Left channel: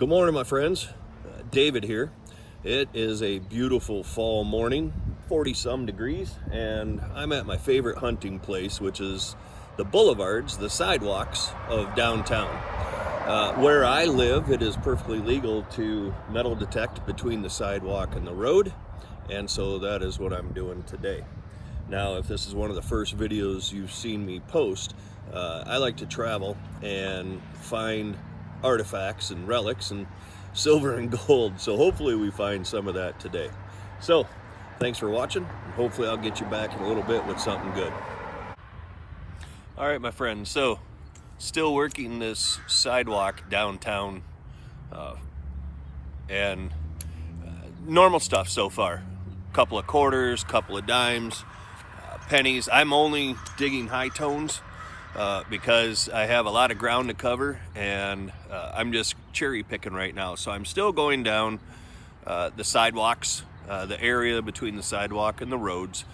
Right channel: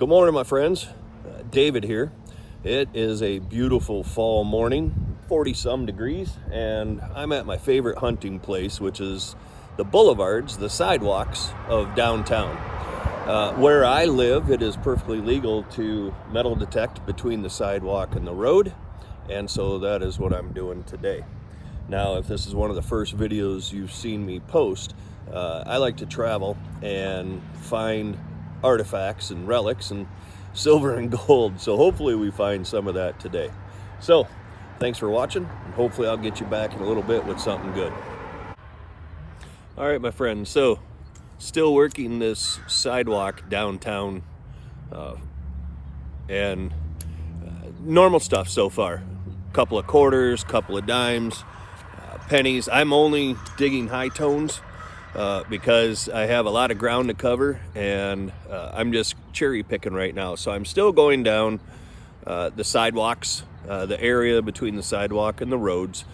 Good morning, my friends. David here. It is a beautiful fall morning, 40-some degrees, and I'm at my favorite hunting place, which is the boulevards, the sidewalks of downtown. Where I live, it is perfectly legal to metal detect between the sidewalk and the road, and so that is what I'm doing today. Now, if this is one of the first videos you've seen me post, I like to travel and find artifacts and relics and silver and gold, so hopefully we find some of that today. So thanks for watching, and hopefully I'll get you back in a little bit with something good. All right, my friends, so still working this sidewalk downtown, and normal stuff so far. Couple of quarters, couple of dimes, pennies. I'm only digging high tones because I have a lot of ground to cover, and I'm just cherry picking right now. So I'm still going down the sidewalks, the area between the sidewalk and the roads,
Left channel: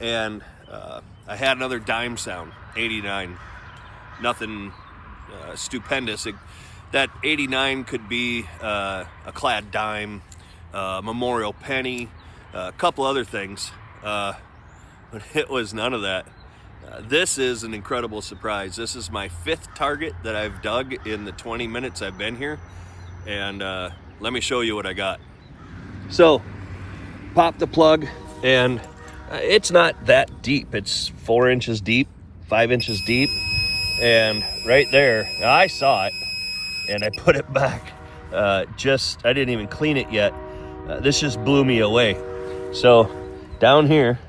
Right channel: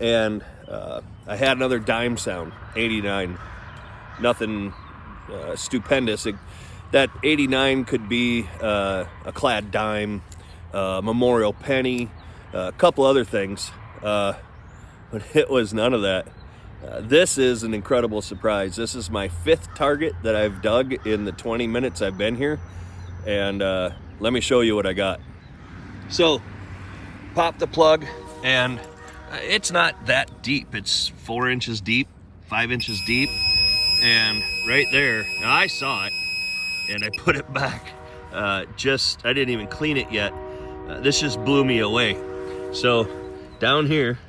and I had another dime sound, 89. Nothing stupendous. That 89 could be a Clad dime, memorial penny, a couple other things, but it was none of that. This is an incredible surprise. This is my 5th target that I've dug in the 20 minutes I've been here, and let me show you what I got. So pop the plug, and it's not that deep. It's 4 inches deep, 5 inches deep, and right there I saw it and I put it back. I didn't even clean it yet. This just blew me away. So down here,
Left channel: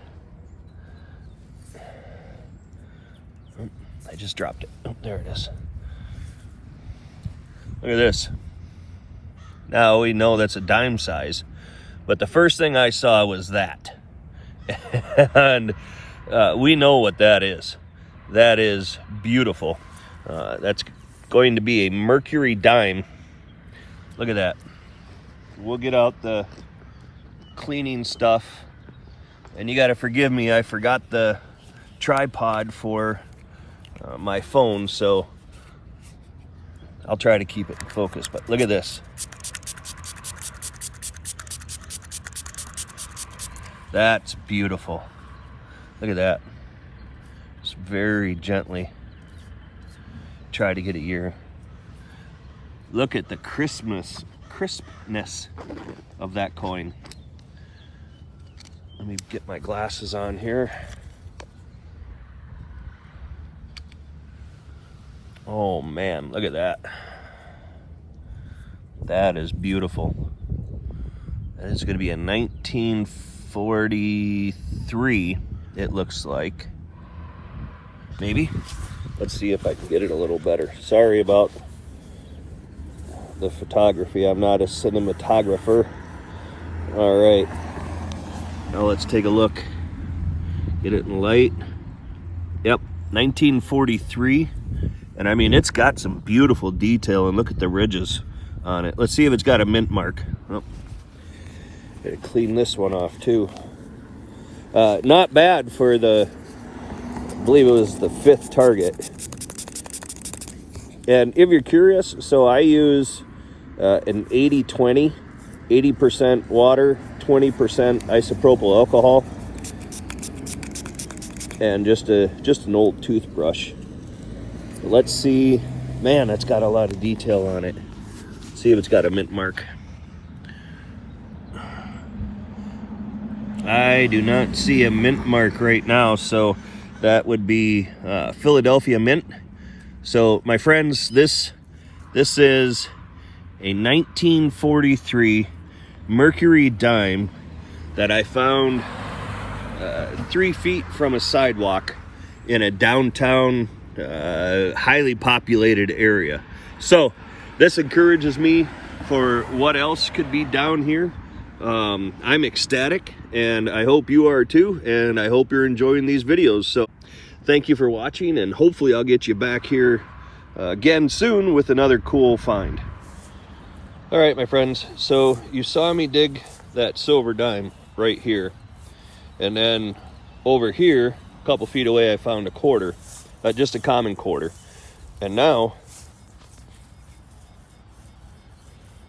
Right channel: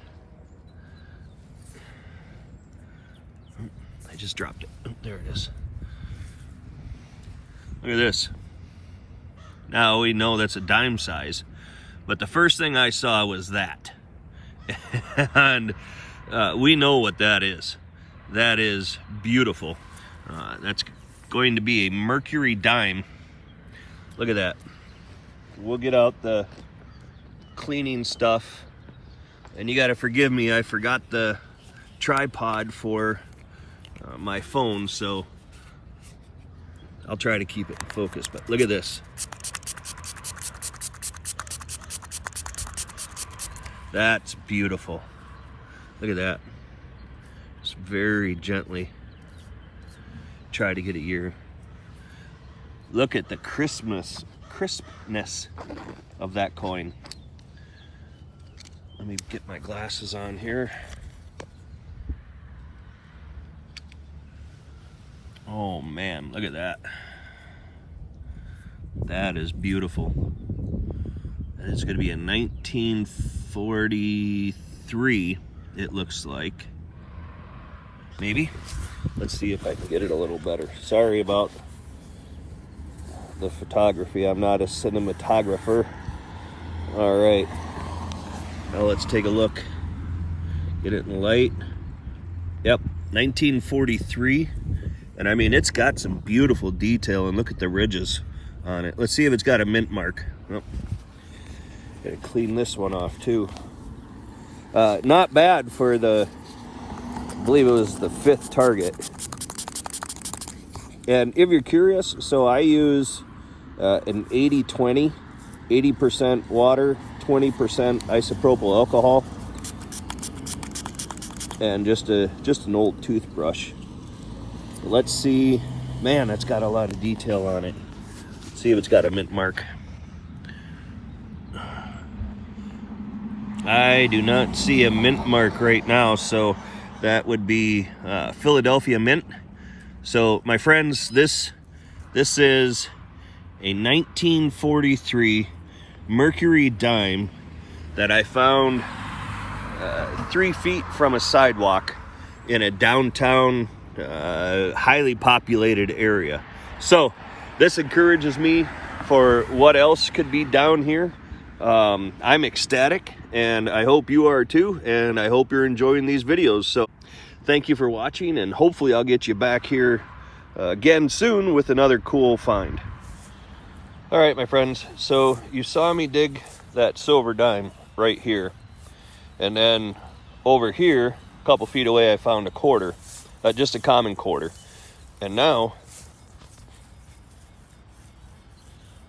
I just dropped it. Oh, there it is. Look at this. Now we know that's a dime size, but the first thing I saw was that. And we know what that is. That is beautiful. That's going to be a mercury dime. Look at that. We'll get out the cleaning stuff. And you got to forgive me, I forgot the tripod for my phone, so I'll try to keep it in focus. But look at this. That's beautiful. Look at that. Just very gently try to get it here. Look at the crispness of that coin. Let me get my glasses on here. Oh man, look at that. That is beautiful. That is going to be a 1943, it looks like. Maybe. Let's see if I can get it a little better. Sorry about the photography. I'm not a cinematographer. All right. Now let's take a look. Get it in light. Yep, 1943. And I mean, it's got some beautiful detail, and look at the ridges on it. Let's see if it's got a mint mark. Oh, gotta clean this one off too. Not bad for the, I believe it was the 5th target. And if you're curious, so I use an 80-20, 80% water, 20% isopropyl alcohol, and just an old toothbrush. Let's see. Man, that's got a lot of detail on it. Let's see if it's got a mint mark. I do not see a mint mark right now, so that would be Philadelphia mint. So my friends, this is a 1943 mercury dime that I found 3 feet from a sidewalk in a downtown highly populated area. So this encourages me for what else could be down here. I'm ecstatic, and I hope you are too, and I hope you're enjoying these videos. So thank you for watching, and hopefully I'll get you back here again soon with another cool find. All right, my friends, so you saw me dig that silver dime right here, and then over here a couple feet away I found a quarter, just a common quarter. And now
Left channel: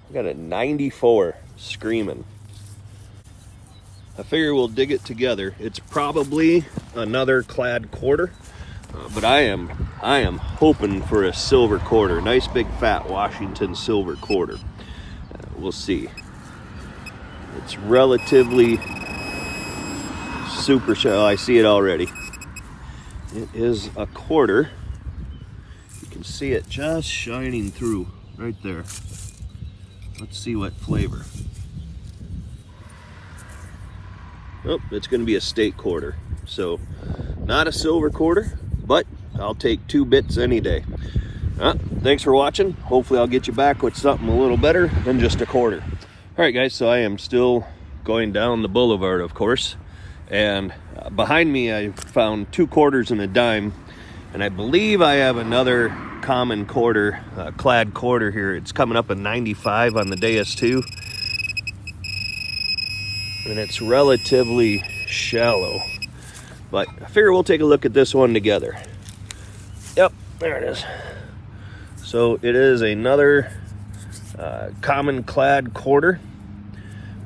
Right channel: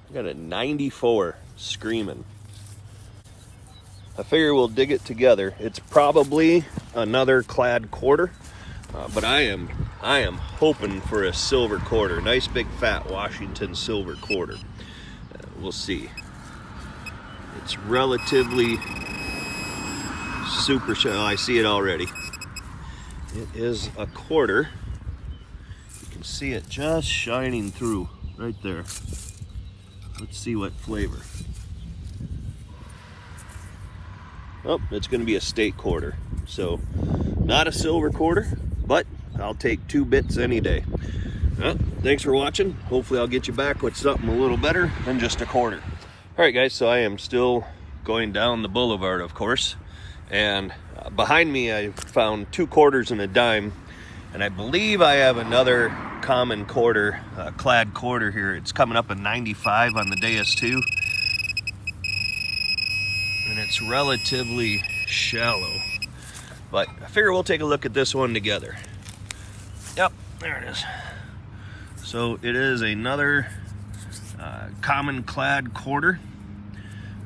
I got a 94 screaming. I figure we'll dig it together. It's probably another Clad quarter, but I am hoping for a silver quarter. Nice big fat Washington silver quarter. We'll see. It's relatively super shallow. I see it already. It is a quarter. You can see it just shining through right there. Let's see what flavor. Oh, it's going to be a state quarter. So, not a silver quarter, but I'll take 2 bits any day. Thanks for watching. Hopefully I'll get you back with something a little better than just a quarter. All right, guys, so I am still going down the boulevard, of course. And behind me, I found 2 quarters and a dime. And I believe I have another common quarter, Clad quarter here. It's coming up at 95 on the DS2. And it's relatively shallow. But I figure we'll take a look at this one together. Yep, there it is. So it is another common Clad quarter.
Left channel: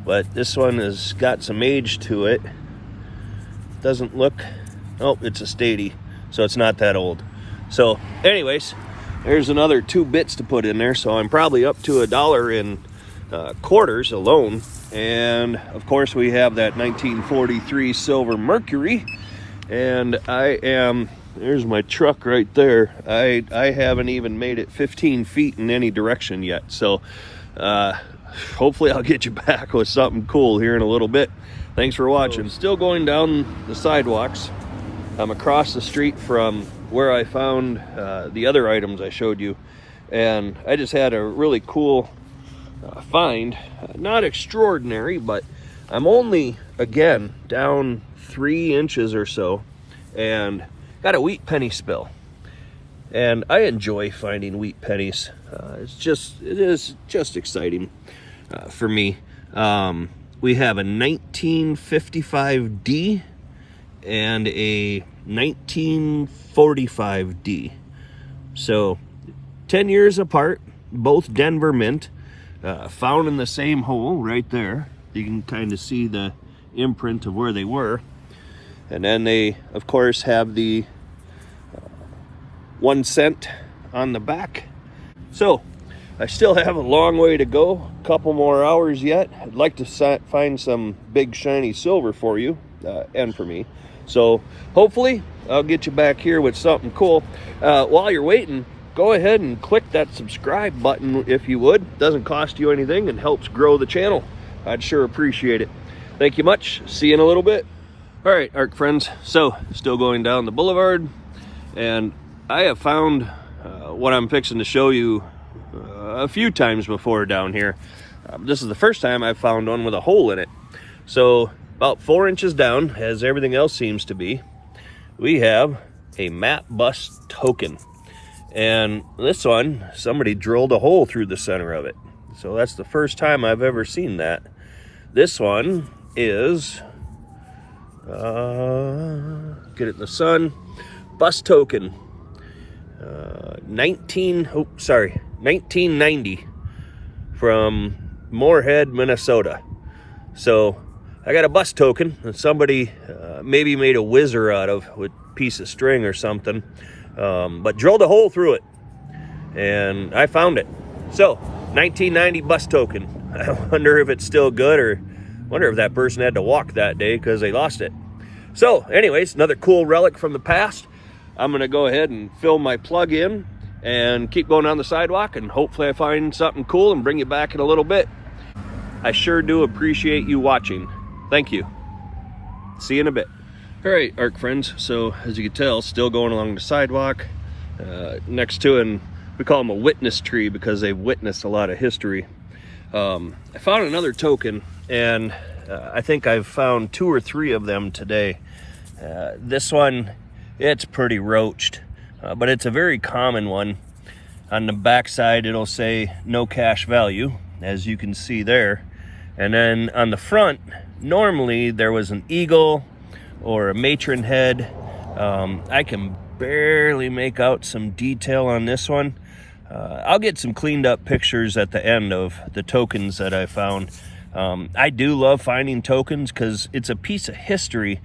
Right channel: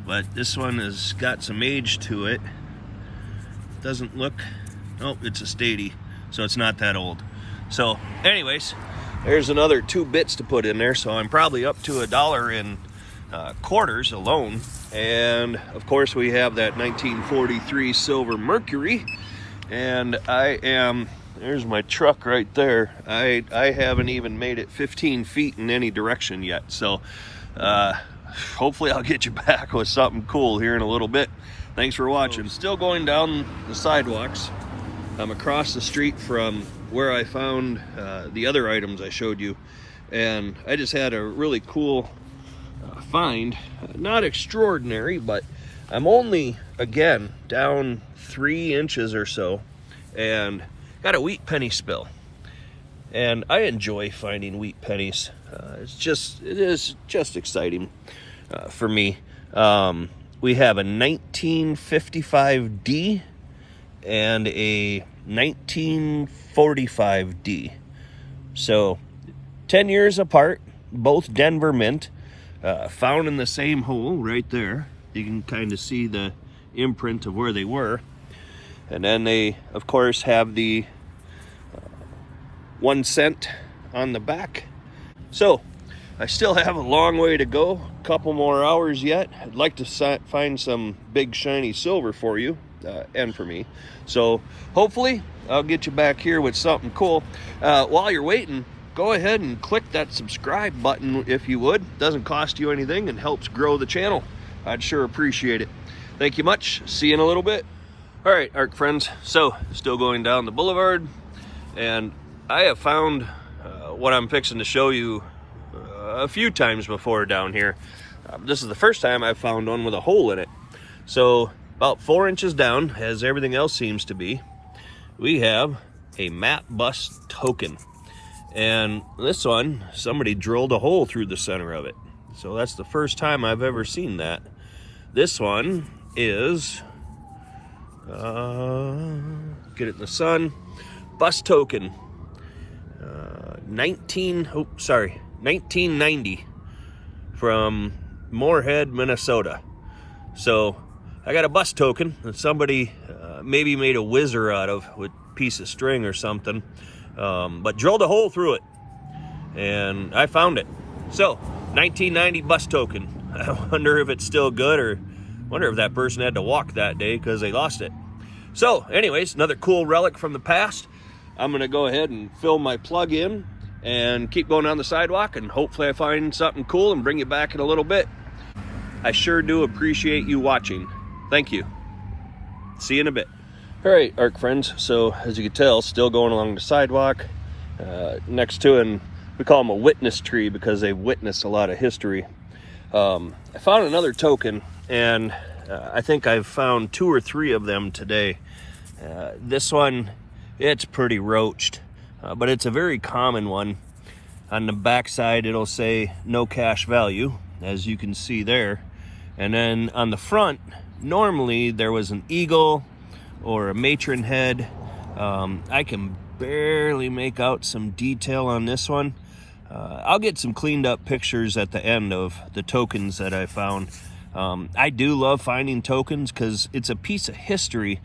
But this one has got some age to it. Doesn't look, oh, it's a statey. So it's not that old. So anyways, there's another 2 bits to put in there. So I'm probably up to $1 in quarters alone. And of course we have that 1943 silver mercury. And there's my truck right there. I haven't even made it 15 feet in any direction yet. So hopefully I'll get you back with something cool here in a little bit. Thanks for watching. Still going down the sidewalks. I'm across the street from where I found the other items I showed you, and I just had a really cool find. Not extraordinary, but I'm only, again, down 3 inches or so, and got a wheat penny spill. And I enjoy finding wheat pennies. It is just exciting for me. We have a 1955D and a 1945D. So 10 years apart, both Denver mint, found in the same hole right there. You can kind of see the imprint of where they were. And then they, of course, have the 1 cent on the back. So I still have a long way to go, a couple more hours yet. I'd like to find some big shiny silver for you and for me. So hopefully I'll get you back here with something cool. While you're waiting, go ahead and click that subscribe button if you would. It doesn't cost you anything and helps grow the channel. I'd sure appreciate it. Thank you much. See you in a little bit. All right, ARC friends. So still going down the boulevard, and I have found what I'm fixing to show you a few times before down here. This is the first time I've found one with a hole in it. So about 4 inches down, as everything else seems to be, we have a map bus token. And this one, somebody drilled a hole through the center of it. So that's the first time I've ever seen that. This one is, get it in the sun, bus token. 1990 from Moorhead, Minnesota. So I got a bus token that somebody maybe made a whizzer out of with a piece of string or something, but drilled a hole through it, and I found it. So 1990 bus token. I wonder if it's still good, or wonder if that person had to walk that day because they lost it. So anyways, another cool relic from the past. I'm going to go ahead and fill my plug in and keep going down the sidewalk, and hopefully I find something cool and bring you back in a little bit. I sure do appreciate you watching. Thank you. See you in a bit. All right, ARC friends. So as you can tell, still going along the sidewalk next to, and we call them a witness tree because they've witnessed a lot of history. I found another token, and I think I've found 2 or 3 of them today. This one, it's pretty roached, but it's a very common one. On the back side, it'll say no cash value, as you can see there. And then on the front, normally there was an eagle or a matron head. I can barely make out some detail on this one. I'll get some cleaned up pictures at the end of the tokens that I found. I do love finding tokens because it's a piece of history.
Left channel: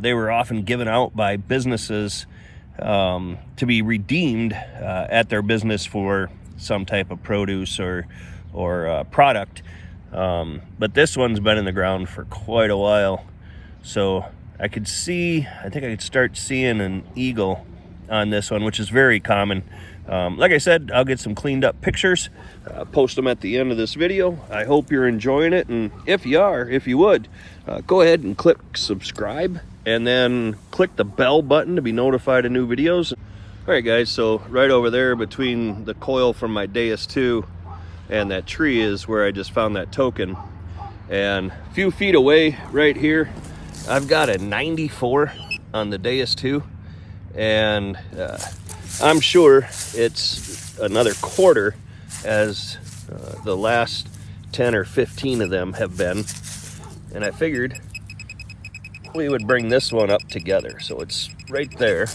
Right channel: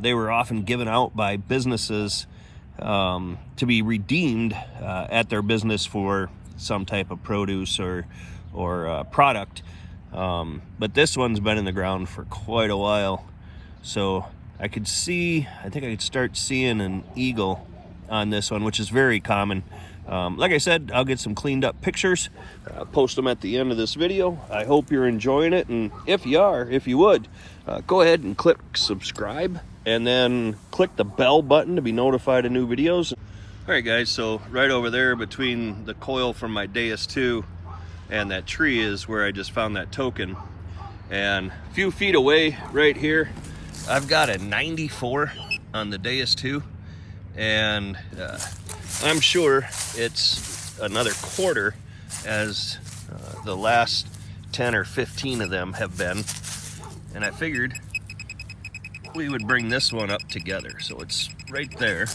They were often given out by businesses to be redeemed at their business for some type of produce or product. But this one's been in the ground for quite a while. So I think I could start seeing an eagle on this one, which is very common. Like I said, I'll get some cleaned up pictures, post them at the end of this video. I hope you're enjoying it, and if you would, go ahead and click subscribe, and then click the bell button to be notified of new videos. All right, guys, so right over there between the coil from my Deus 2 and that tree is where I just found that token. And a few feet away right here, I've got a 94 on the Deus 2, and I'm sure it's another quarter, as the last 10 or 15 of them have been. And I figured we would bring this one up together. So it's right there.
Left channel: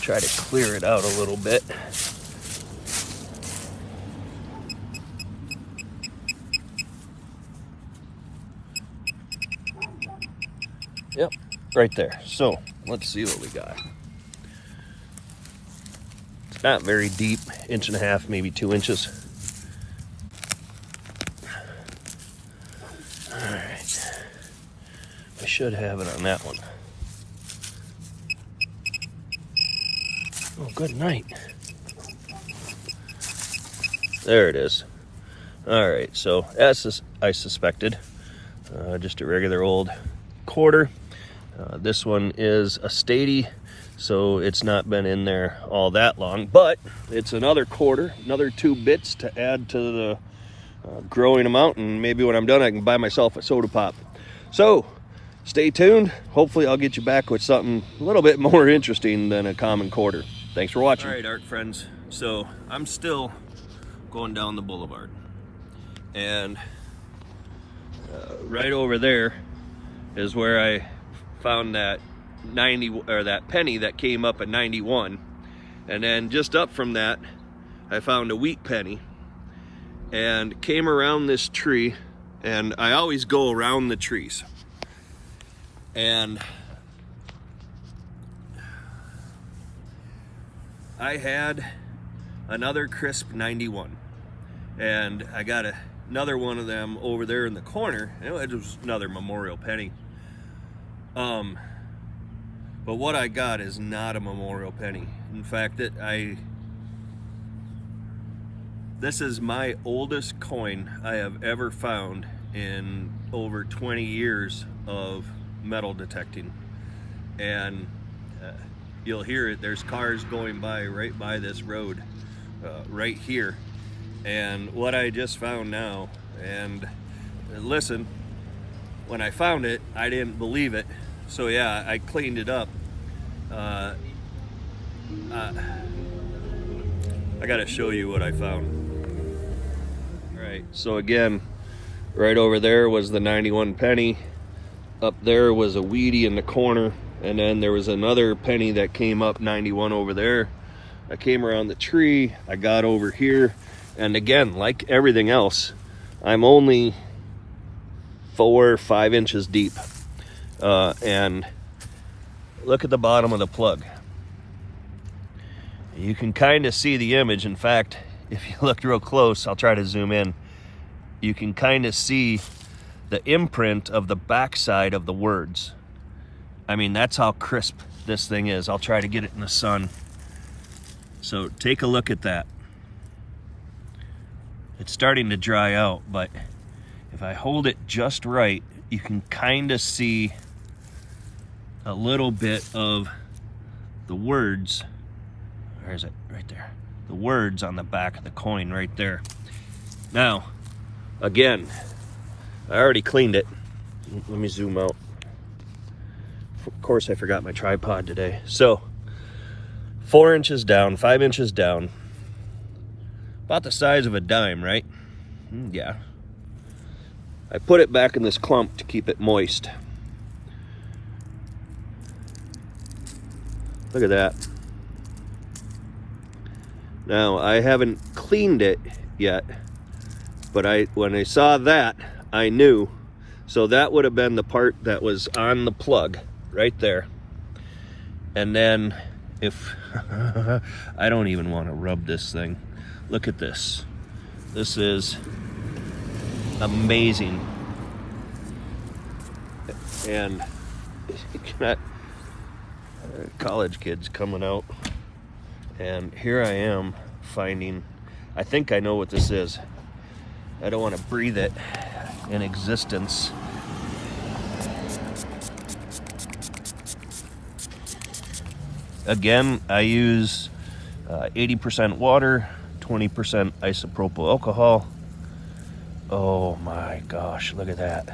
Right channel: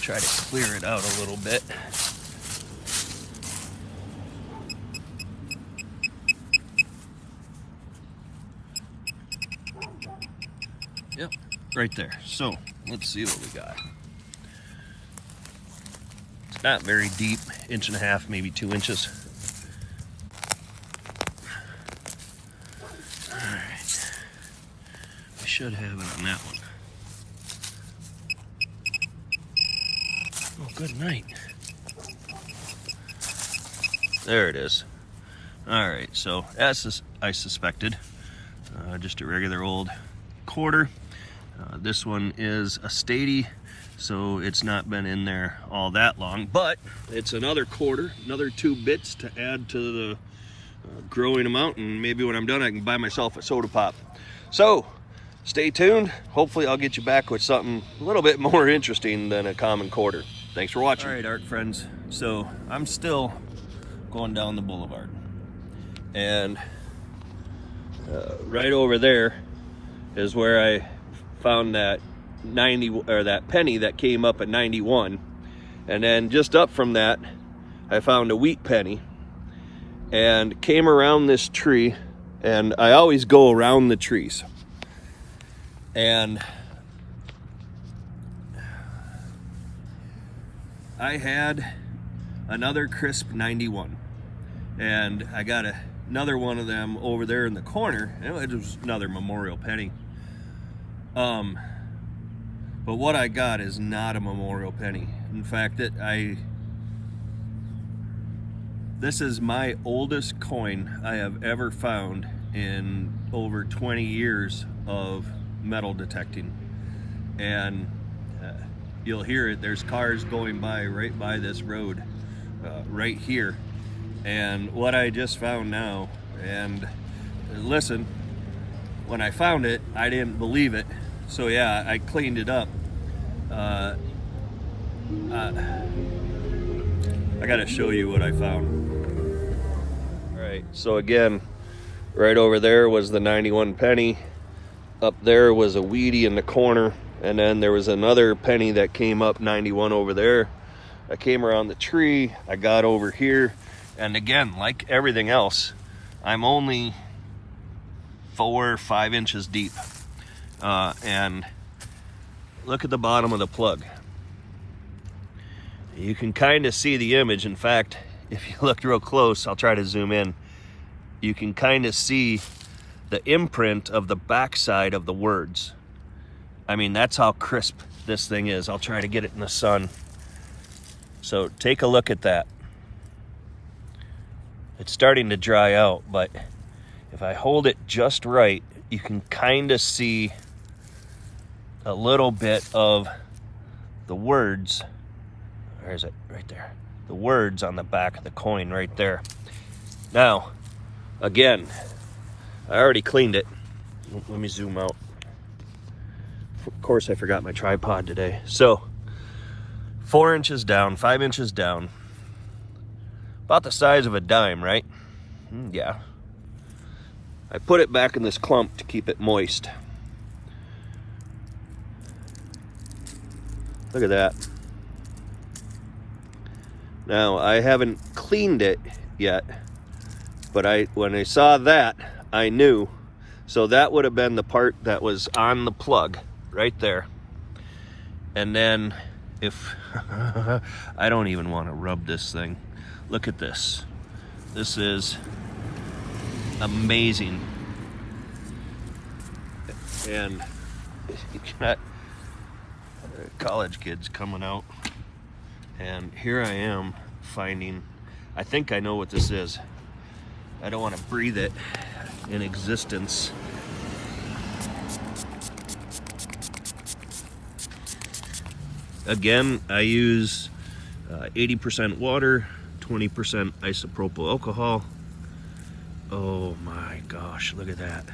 Try to clear it out a little bit. Yep, right there. So let's see what we got. Not very deep, 1.5 inches, maybe 2 inches. All right, I should have it on that one. Oh, good night. There it is. All right, so as I suspected, just a regular old quarter. This one is a Stady, so it's not been in there all that long, but it's another quarter, another 2 bits to add to the growing amount, and maybe when I'm done I can buy myself a soda pop. So stay tuned. Hopefully I'll get you back with something a little bit more interesting than a common quarter. Thanks for watching. All right, ARC friends, so I'm still going down the boulevard, and right over there is where I found that that penny that came up at 91, and then just up from that I found a wheat penny, and came around this tree, and I always go around the trees, and I had another crisp 91, and I got another one of them over there in the corner, and it was another memorial penny. But what I got is not a memorial penny. In fact, this is my oldest coin I have ever found in over 20 years of metal detecting. And you'll hear it, there's cars going by right by this road, right here. And what I just found now, and listen, when I found it, I didn't believe it. So yeah, I cleaned it up. I gotta show you what I found. All right, so again, right over there was the 91 penny. Up there was a weedy in the corner, and then there was another penny that came up 91 over there. I came around the tree, I got over here, and again, like everything else, I'm only 4 or 5 inches deep. And look at the bottom of the plug. You can kind of see the image. In fact, if you look real close, I'll try to zoom in, you can kind of see the imprint of the backside of the words. I mean, that's how crisp this thing is. I'll try to get it in the sun. So take a look at that. It's starting to dry out, but if I hold it just right, you can kind of see a little bit of the words. Where is it? Right there. The words on the back of the coin right there. Now, again, I already cleaned it. Let me zoom out. Of course, I forgot my tripod today. So, 4 inches down, 5 inches down. About the size of a dime, right? Yeah. I put it back in this clump to keep it moist. Look at that. Now, I haven't cleaned it yet, but when I saw that, I knew. So that would have been the part that was on the plug right there. And then if I don't even want to rub this thing. Look at this. This is amazing. And college kids coming out, and here I am finding, I think I know what this is. I don't want to breathe it in existence. Again, I use 80% water, 20% isopropyl alcohol. Oh my gosh, look at that.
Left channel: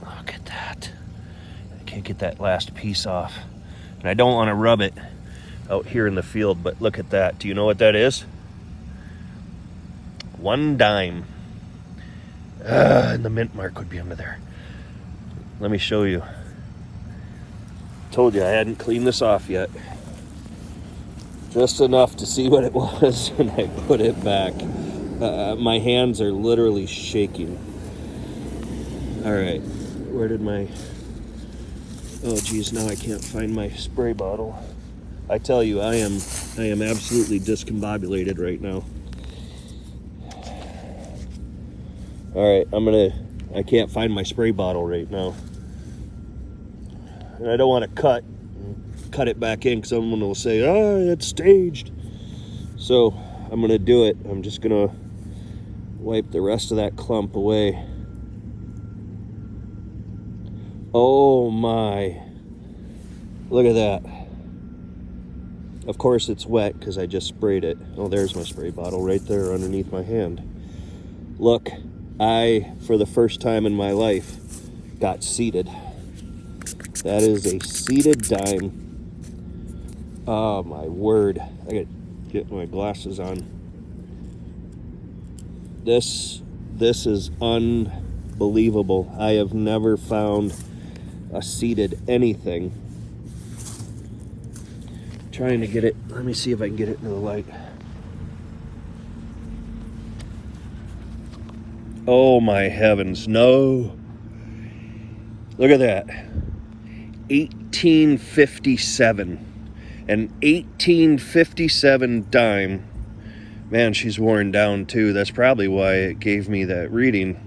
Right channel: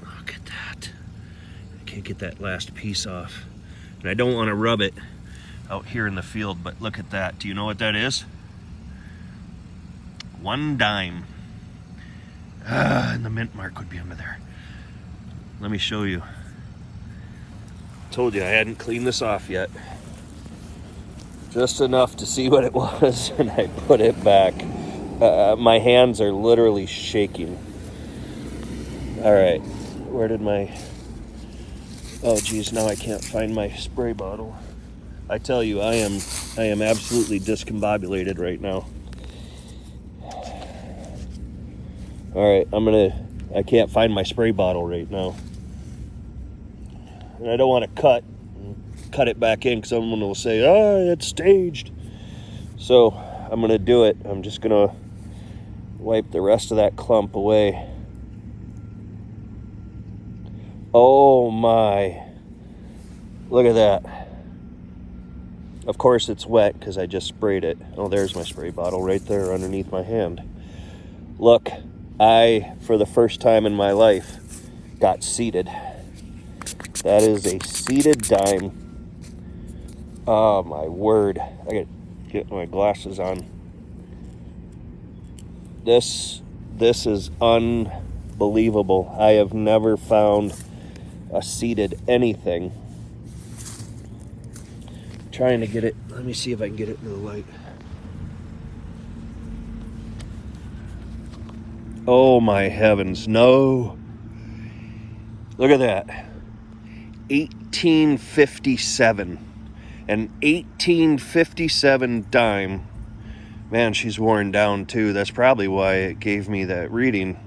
Look at that. Can't get that last piece off. And I don't want to rub it out here in the field, but look at that. Do you know what that is? 1 dime. And the mint mark would be under there. Let me show you. Told you I hadn't cleaned this off yet. Just enough to see what it was, and I put it back. My hands are literally shaking. All right, where did my... Oh geez, now I can't find my spray bottle. I tell you, I am absolutely discombobulated right now. All right, I can't find my spray bottle right now. And I don't want to cut it back in because someone will say, oh, it's staged. So I'm going to do it. I'm just going to wipe the rest of that clump away. Oh my, look at that. Of course it's wet because I just sprayed it. Oh, there's my spray bottle right there underneath my hand. Look, I, for the first time in my life, got seeded. That is a seeded dime. Oh my word. I gotta get my glasses on. This is unbelievable. I have never found a seeded anything. Trying to get it. Let me see if I can get it into the light. Oh my heavens, no. Look at that. 1857. An 1857 dime. Man, she's worn down too. That's probably why it gave me that reading.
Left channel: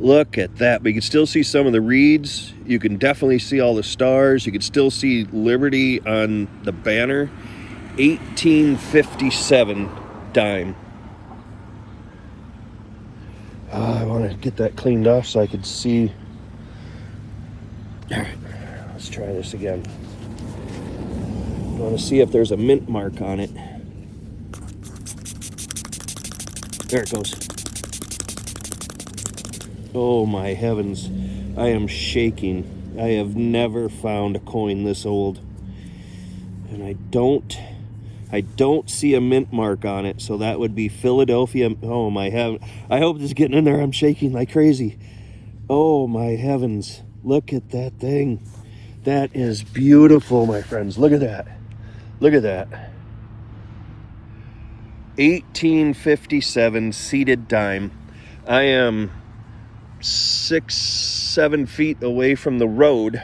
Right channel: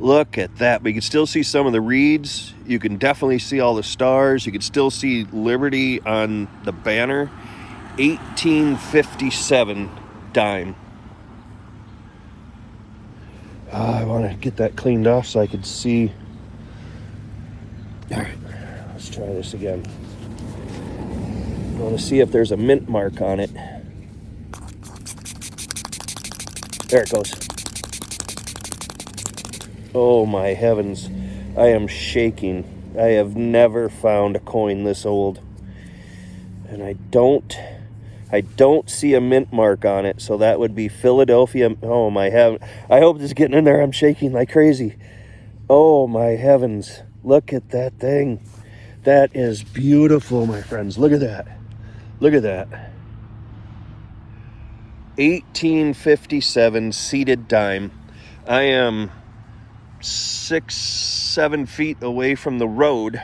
Look at that. But you can still see some of the reeds. You can definitely see all the stars. You can still see Liberty on the banner. 1857 dime. I want to get that cleaned off so I could see. All right, let's try this again. I want to see if there's a mint mark on it. There it goes. Oh my heavens. I am shaking. I have never found a coin this old. And I don't see a mint mark on it, so that would be Philadelphia. Oh my heavens. I hope this is getting in there. I'm shaking like crazy. Oh my heavens. Look at that thing. That is beautiful, my friends. Look at that. Look at that. 1857 seeded dime. I am 6-7 feet away from the road,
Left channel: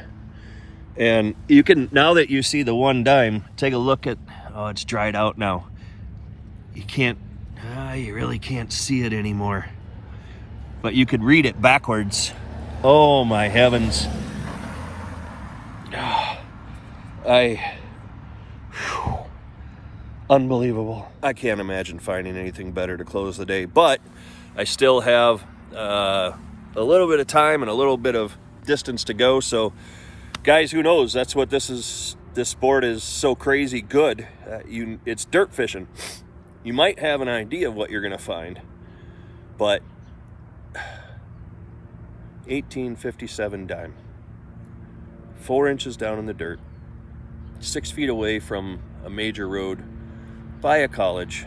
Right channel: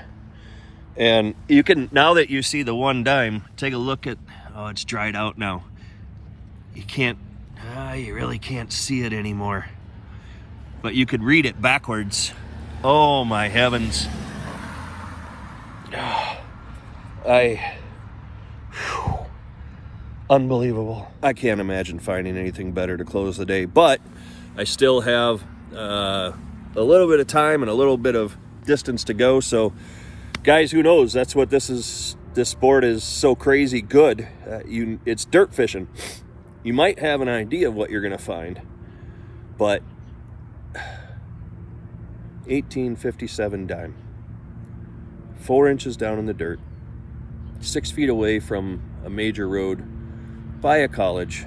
and you can, now that you see the 1 dime, take a look at, oh, it's dried out now. You can't, you really can't see it anymore, but you could read it backwards. Oh my heavens. Unbelievable. I can't imagine finding anything better to close the day, but I still have a little bit of time and a little bit of distance to go. So guys, who knows? That's what this is. This sport is so crazy good. It's dirt fishing. You might have an idea of what you're going to find, but 1857 dime, 4 inches down in the dirt, 6 feet away from a major road, by a college,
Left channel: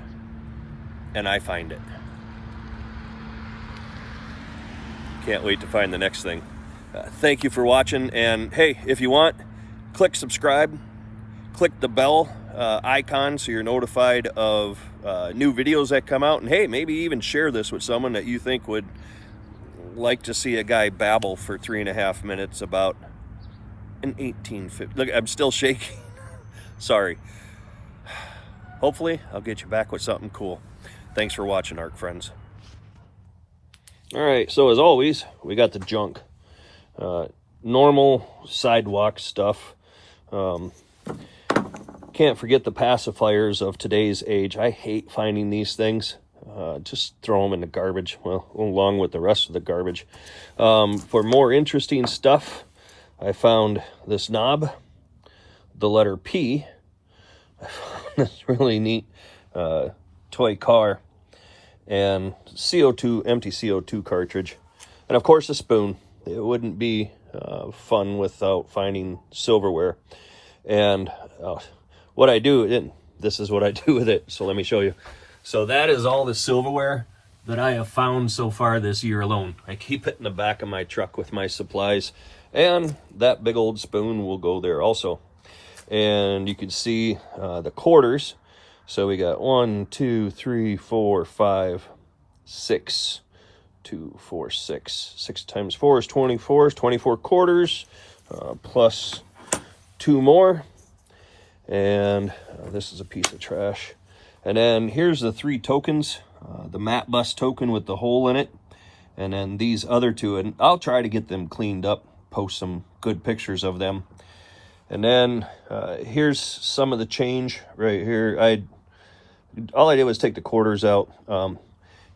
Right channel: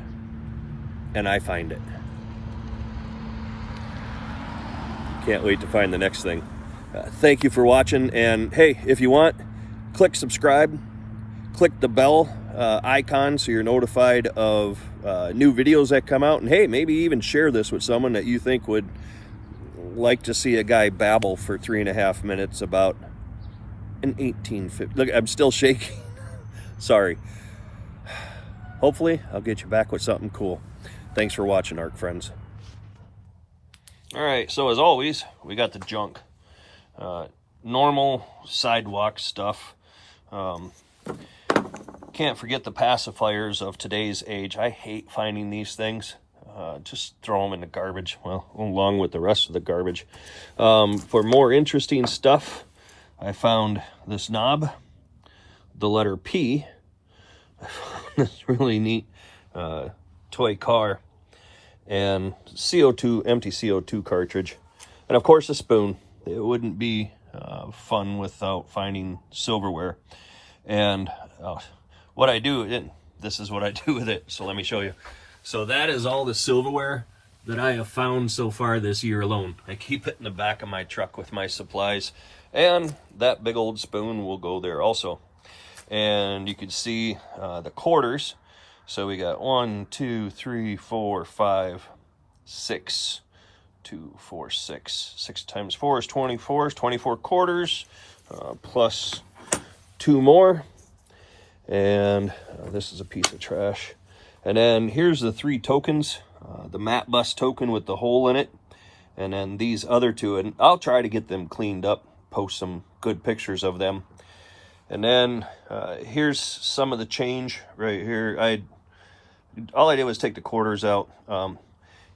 and I find it. Can't wait to find the next thing. Thank you for watching, and hey, if you want, click subscribe, click the bell icon so you're notified of new videos that come out. And hey, maybe even share this with someone that you think would like to see a guy babble for 3.5 minutes about an 1850. Look, I'm still shaking. Sorry. Hopefully, I'll get you back with something cool. Thanks for watching, ARC friends. All right, so as always, we got the junk. Normal Sidewalk stuff. Can't forget the pacifiers of today's age. I hate finding these things. Just throw them in the garbage, well, along with the rest of the garbage. For more interesting stuff, I found this knob, the letter P. I found this really neat toy car and empty CO2 cartridge. And of course a spoon. It wouldn't be fun without finding silverware. And what I do, this is what I do with it. So let me show you. So that is all the silverware that I have found so far this year alone. I keep it in the back of my truck with my supplies. And that big old spoon will go there also. And you can see the quarters. So we got 1, 2, 3, 4, 5, 6. 2, 4, 6. 6 times 4 is 24. Is 24 quarters plus 2 more. And this is a piece of trash. And then here's the 3 tokens. The matte bus token with the hole in it. And then these other 2. And I'll try to get them cleaned up. Post some good pictures of them. And then here's some of the change right here. All I did was take the quarters out.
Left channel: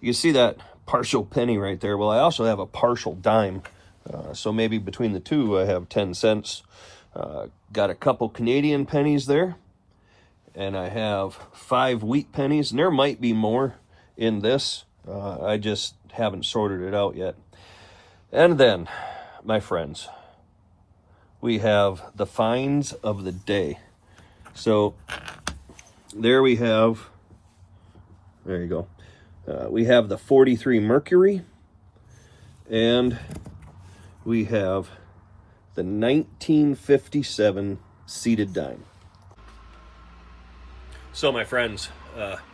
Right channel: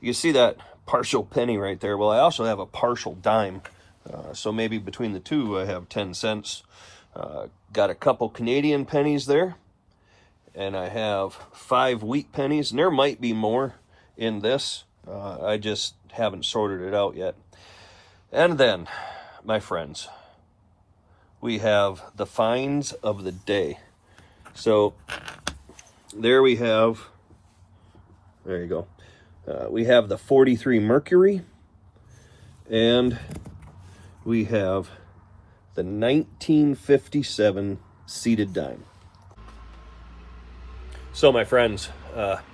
You see that partial penny right there. Well, I also have a partial dime. So maybe between the 2, I have 10 cents. Got a couple Canadian pennies there. And I have 5 wheat pennies. And there might be more in this. I just haven't sorted it out yet. And then, my friends, we have the finds of the day. So there we have, there you go. We have the 43 mercury, and we have the 1957 seated dime. So my friends,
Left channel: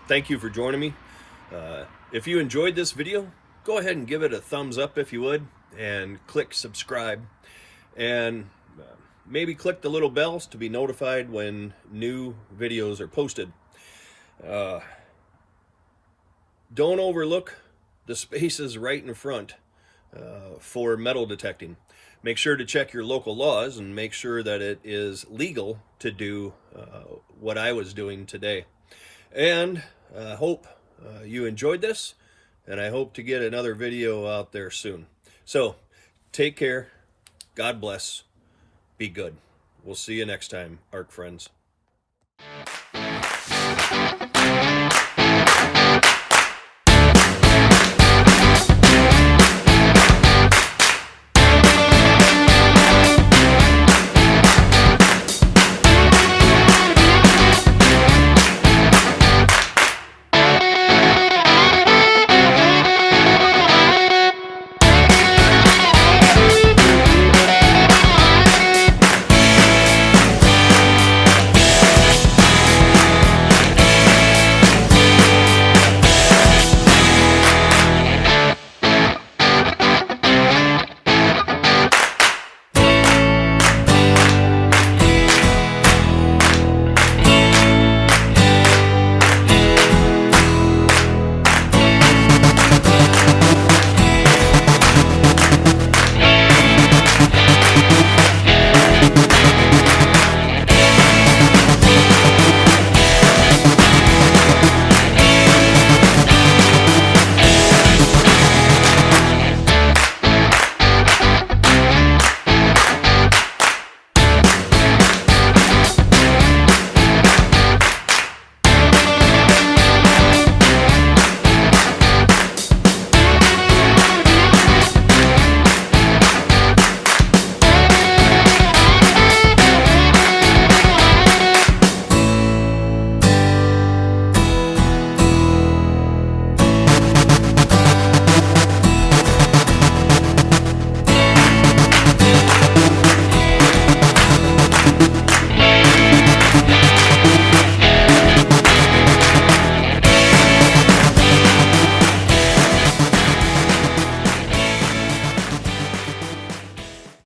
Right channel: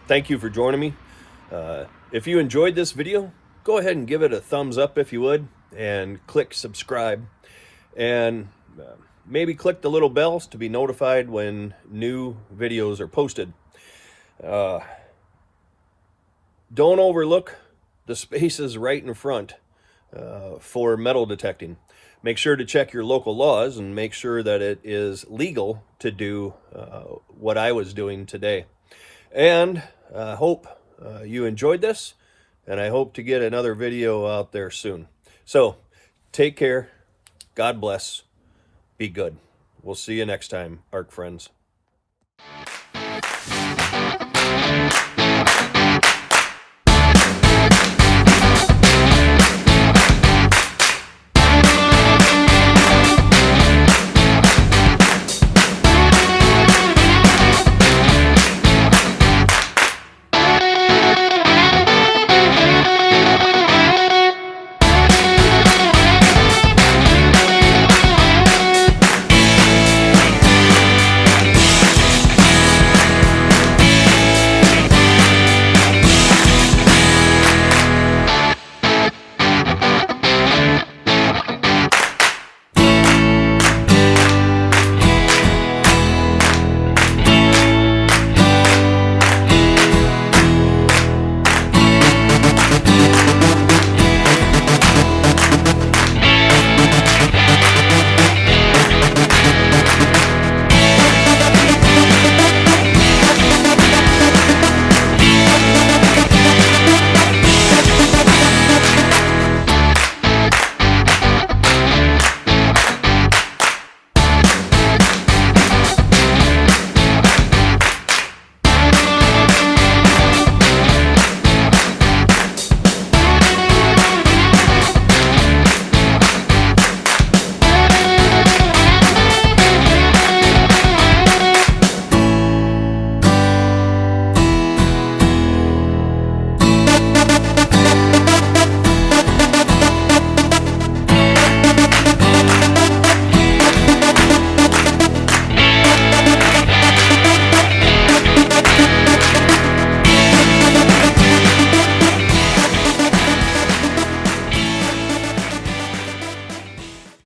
thank you for joining me. If you enjoyed this video, go ahead and give it a thumbs up if you would, and click subscribe, and maybe click the little bells to be notified when new videos are posted. Don't overlook the spaces right in front for metal detecting. Make sure to check your local laws and make sure that it is legal to do what I was doing today. And I hope you enjoyed this, and I hope to get another video out there soon. So take care. God bless. Be good. We'll see you next time, ARC friends.